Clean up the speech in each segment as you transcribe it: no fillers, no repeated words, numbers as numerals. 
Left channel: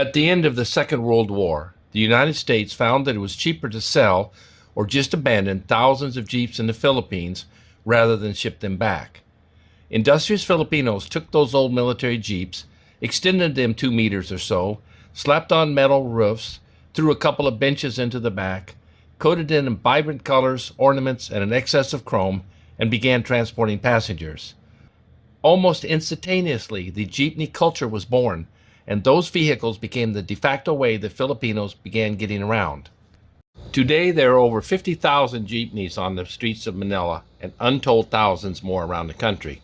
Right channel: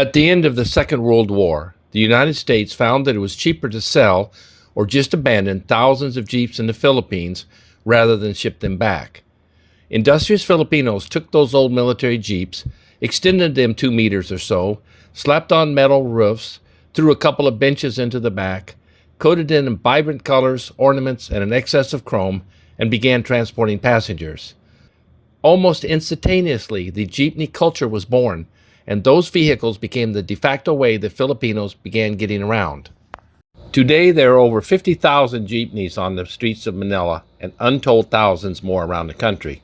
At the end of the Second World War, the United States found that it was cheaper to sell or just abandon thousands of Jeeps in the Philippines rather than ship them back. Industrious Filipinos took those old military Jeeps, extended them 2 meters or so, slapped on metal roofs, threw a couple of benches into the back, coated it in vibrant colors, ornaments, and an excess of chrome, and began transporting passengers. Almost instantaneously, the jeepney culture was born, and those vehicles became the de facto way that Filipinos began getting around. Today, there are over 50,000 jeepneys on the streets of Manila and untold thousands more around the country.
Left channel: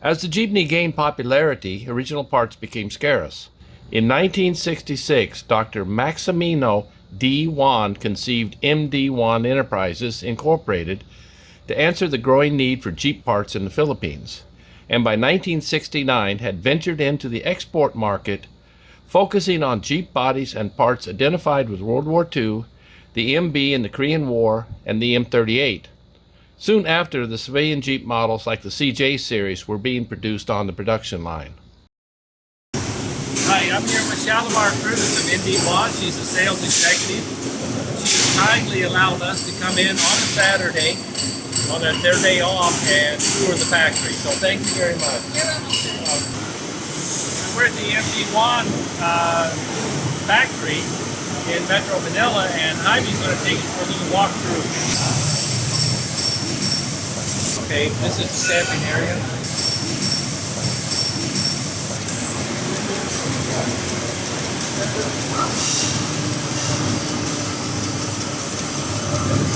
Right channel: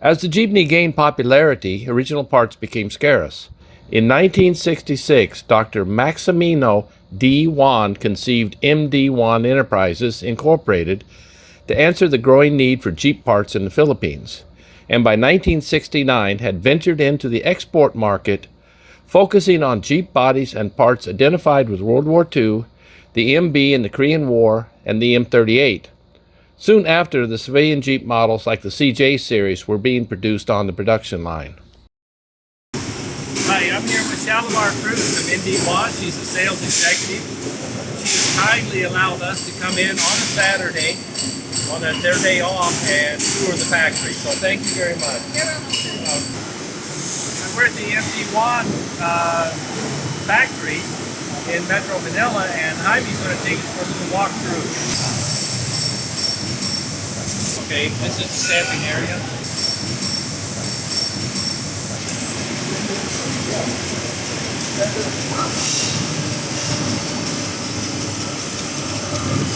As the jeepney gained popularity, original parts became scarce. In 1966, Dr. Maximino D Juan conceived MD Juan Enterprises, Incorporated, to answer the growing need for Jeep parts in the Philippines, and by 1969 had ventured into the export market, focusing on Jeep bodies and parts identified with World War II, the MB in the Korean War, and the M38. Soon after, the civilian Jeep models like the CJ series were being produced on the production line. Hi, I'm here with Shalimar Cruz from MD Juan. She's a sales executive. She kindly allowed us to come in on a Saturday, on their day off, and tour the factory. So thank you very much. We're at the MD Juan factory in Metro Manila, and Jaime's going to take us for a little walkthrough. Okay, this is the stamping area.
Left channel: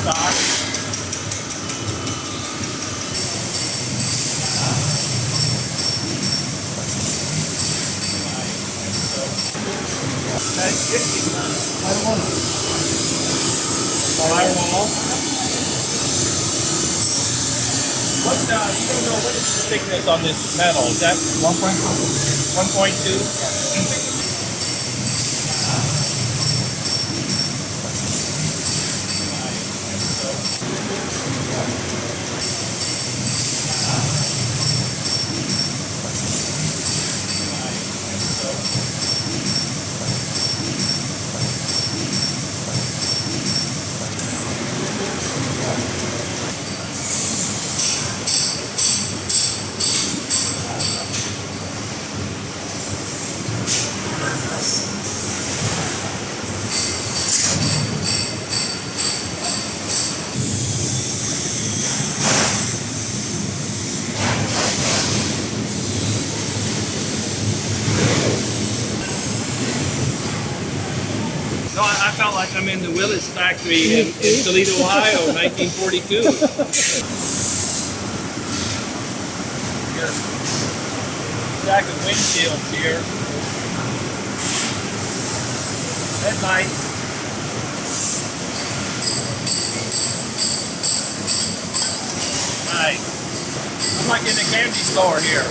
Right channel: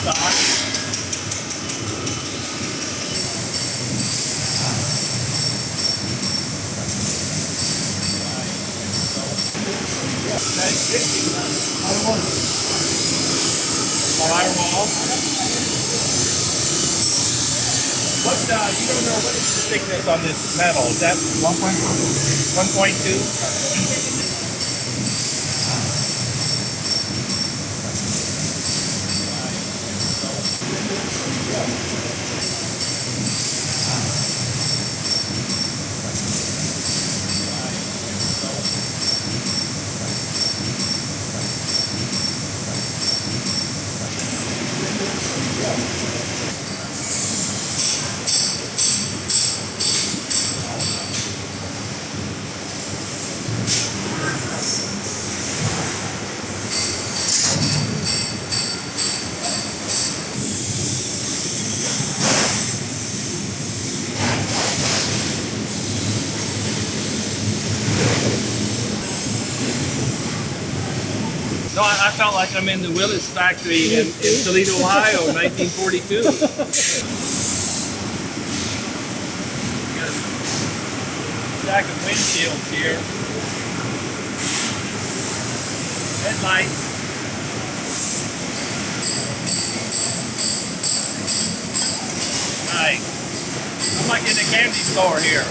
Stock. Firewalls. What, you don't know, what is the thickness on this metal? Is that 1.2? 1.2? No, I felt like I'm in the Willys factory in Toledo, Ohio, 1942. Stack of windshields here. Headlights. Nice. I'm like in a candy store here.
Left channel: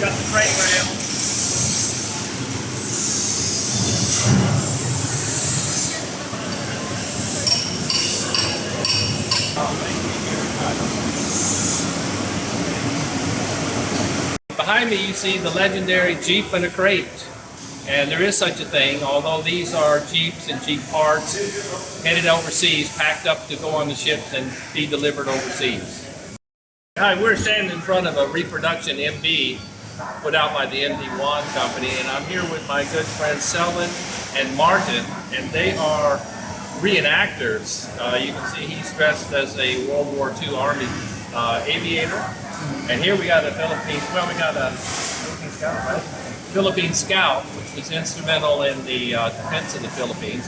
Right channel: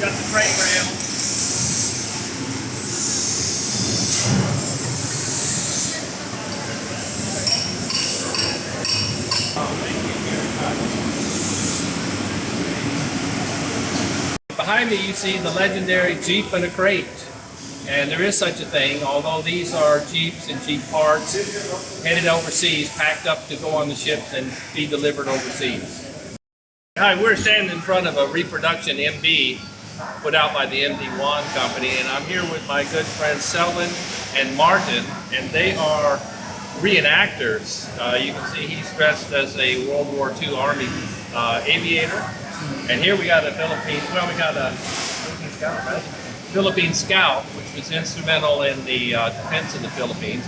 Got the crate rail. Behind me you see the legendary Jeep in a crate. And there is such a thing, although these are Jeeps and Jeep parts headed overseas, packed up to go on the ships and be delivered overseas. Hi, we're standing in front of a reproduction MD put out by the MD Juan company, and I'm here with my good friends Selwyn and Martin, and they are reenactors. You can see he's dressed as a World War II Army aviator, and here we got a Philippine Scout, right? Philippine Scout, which was instrumental in the defense of the Philippines.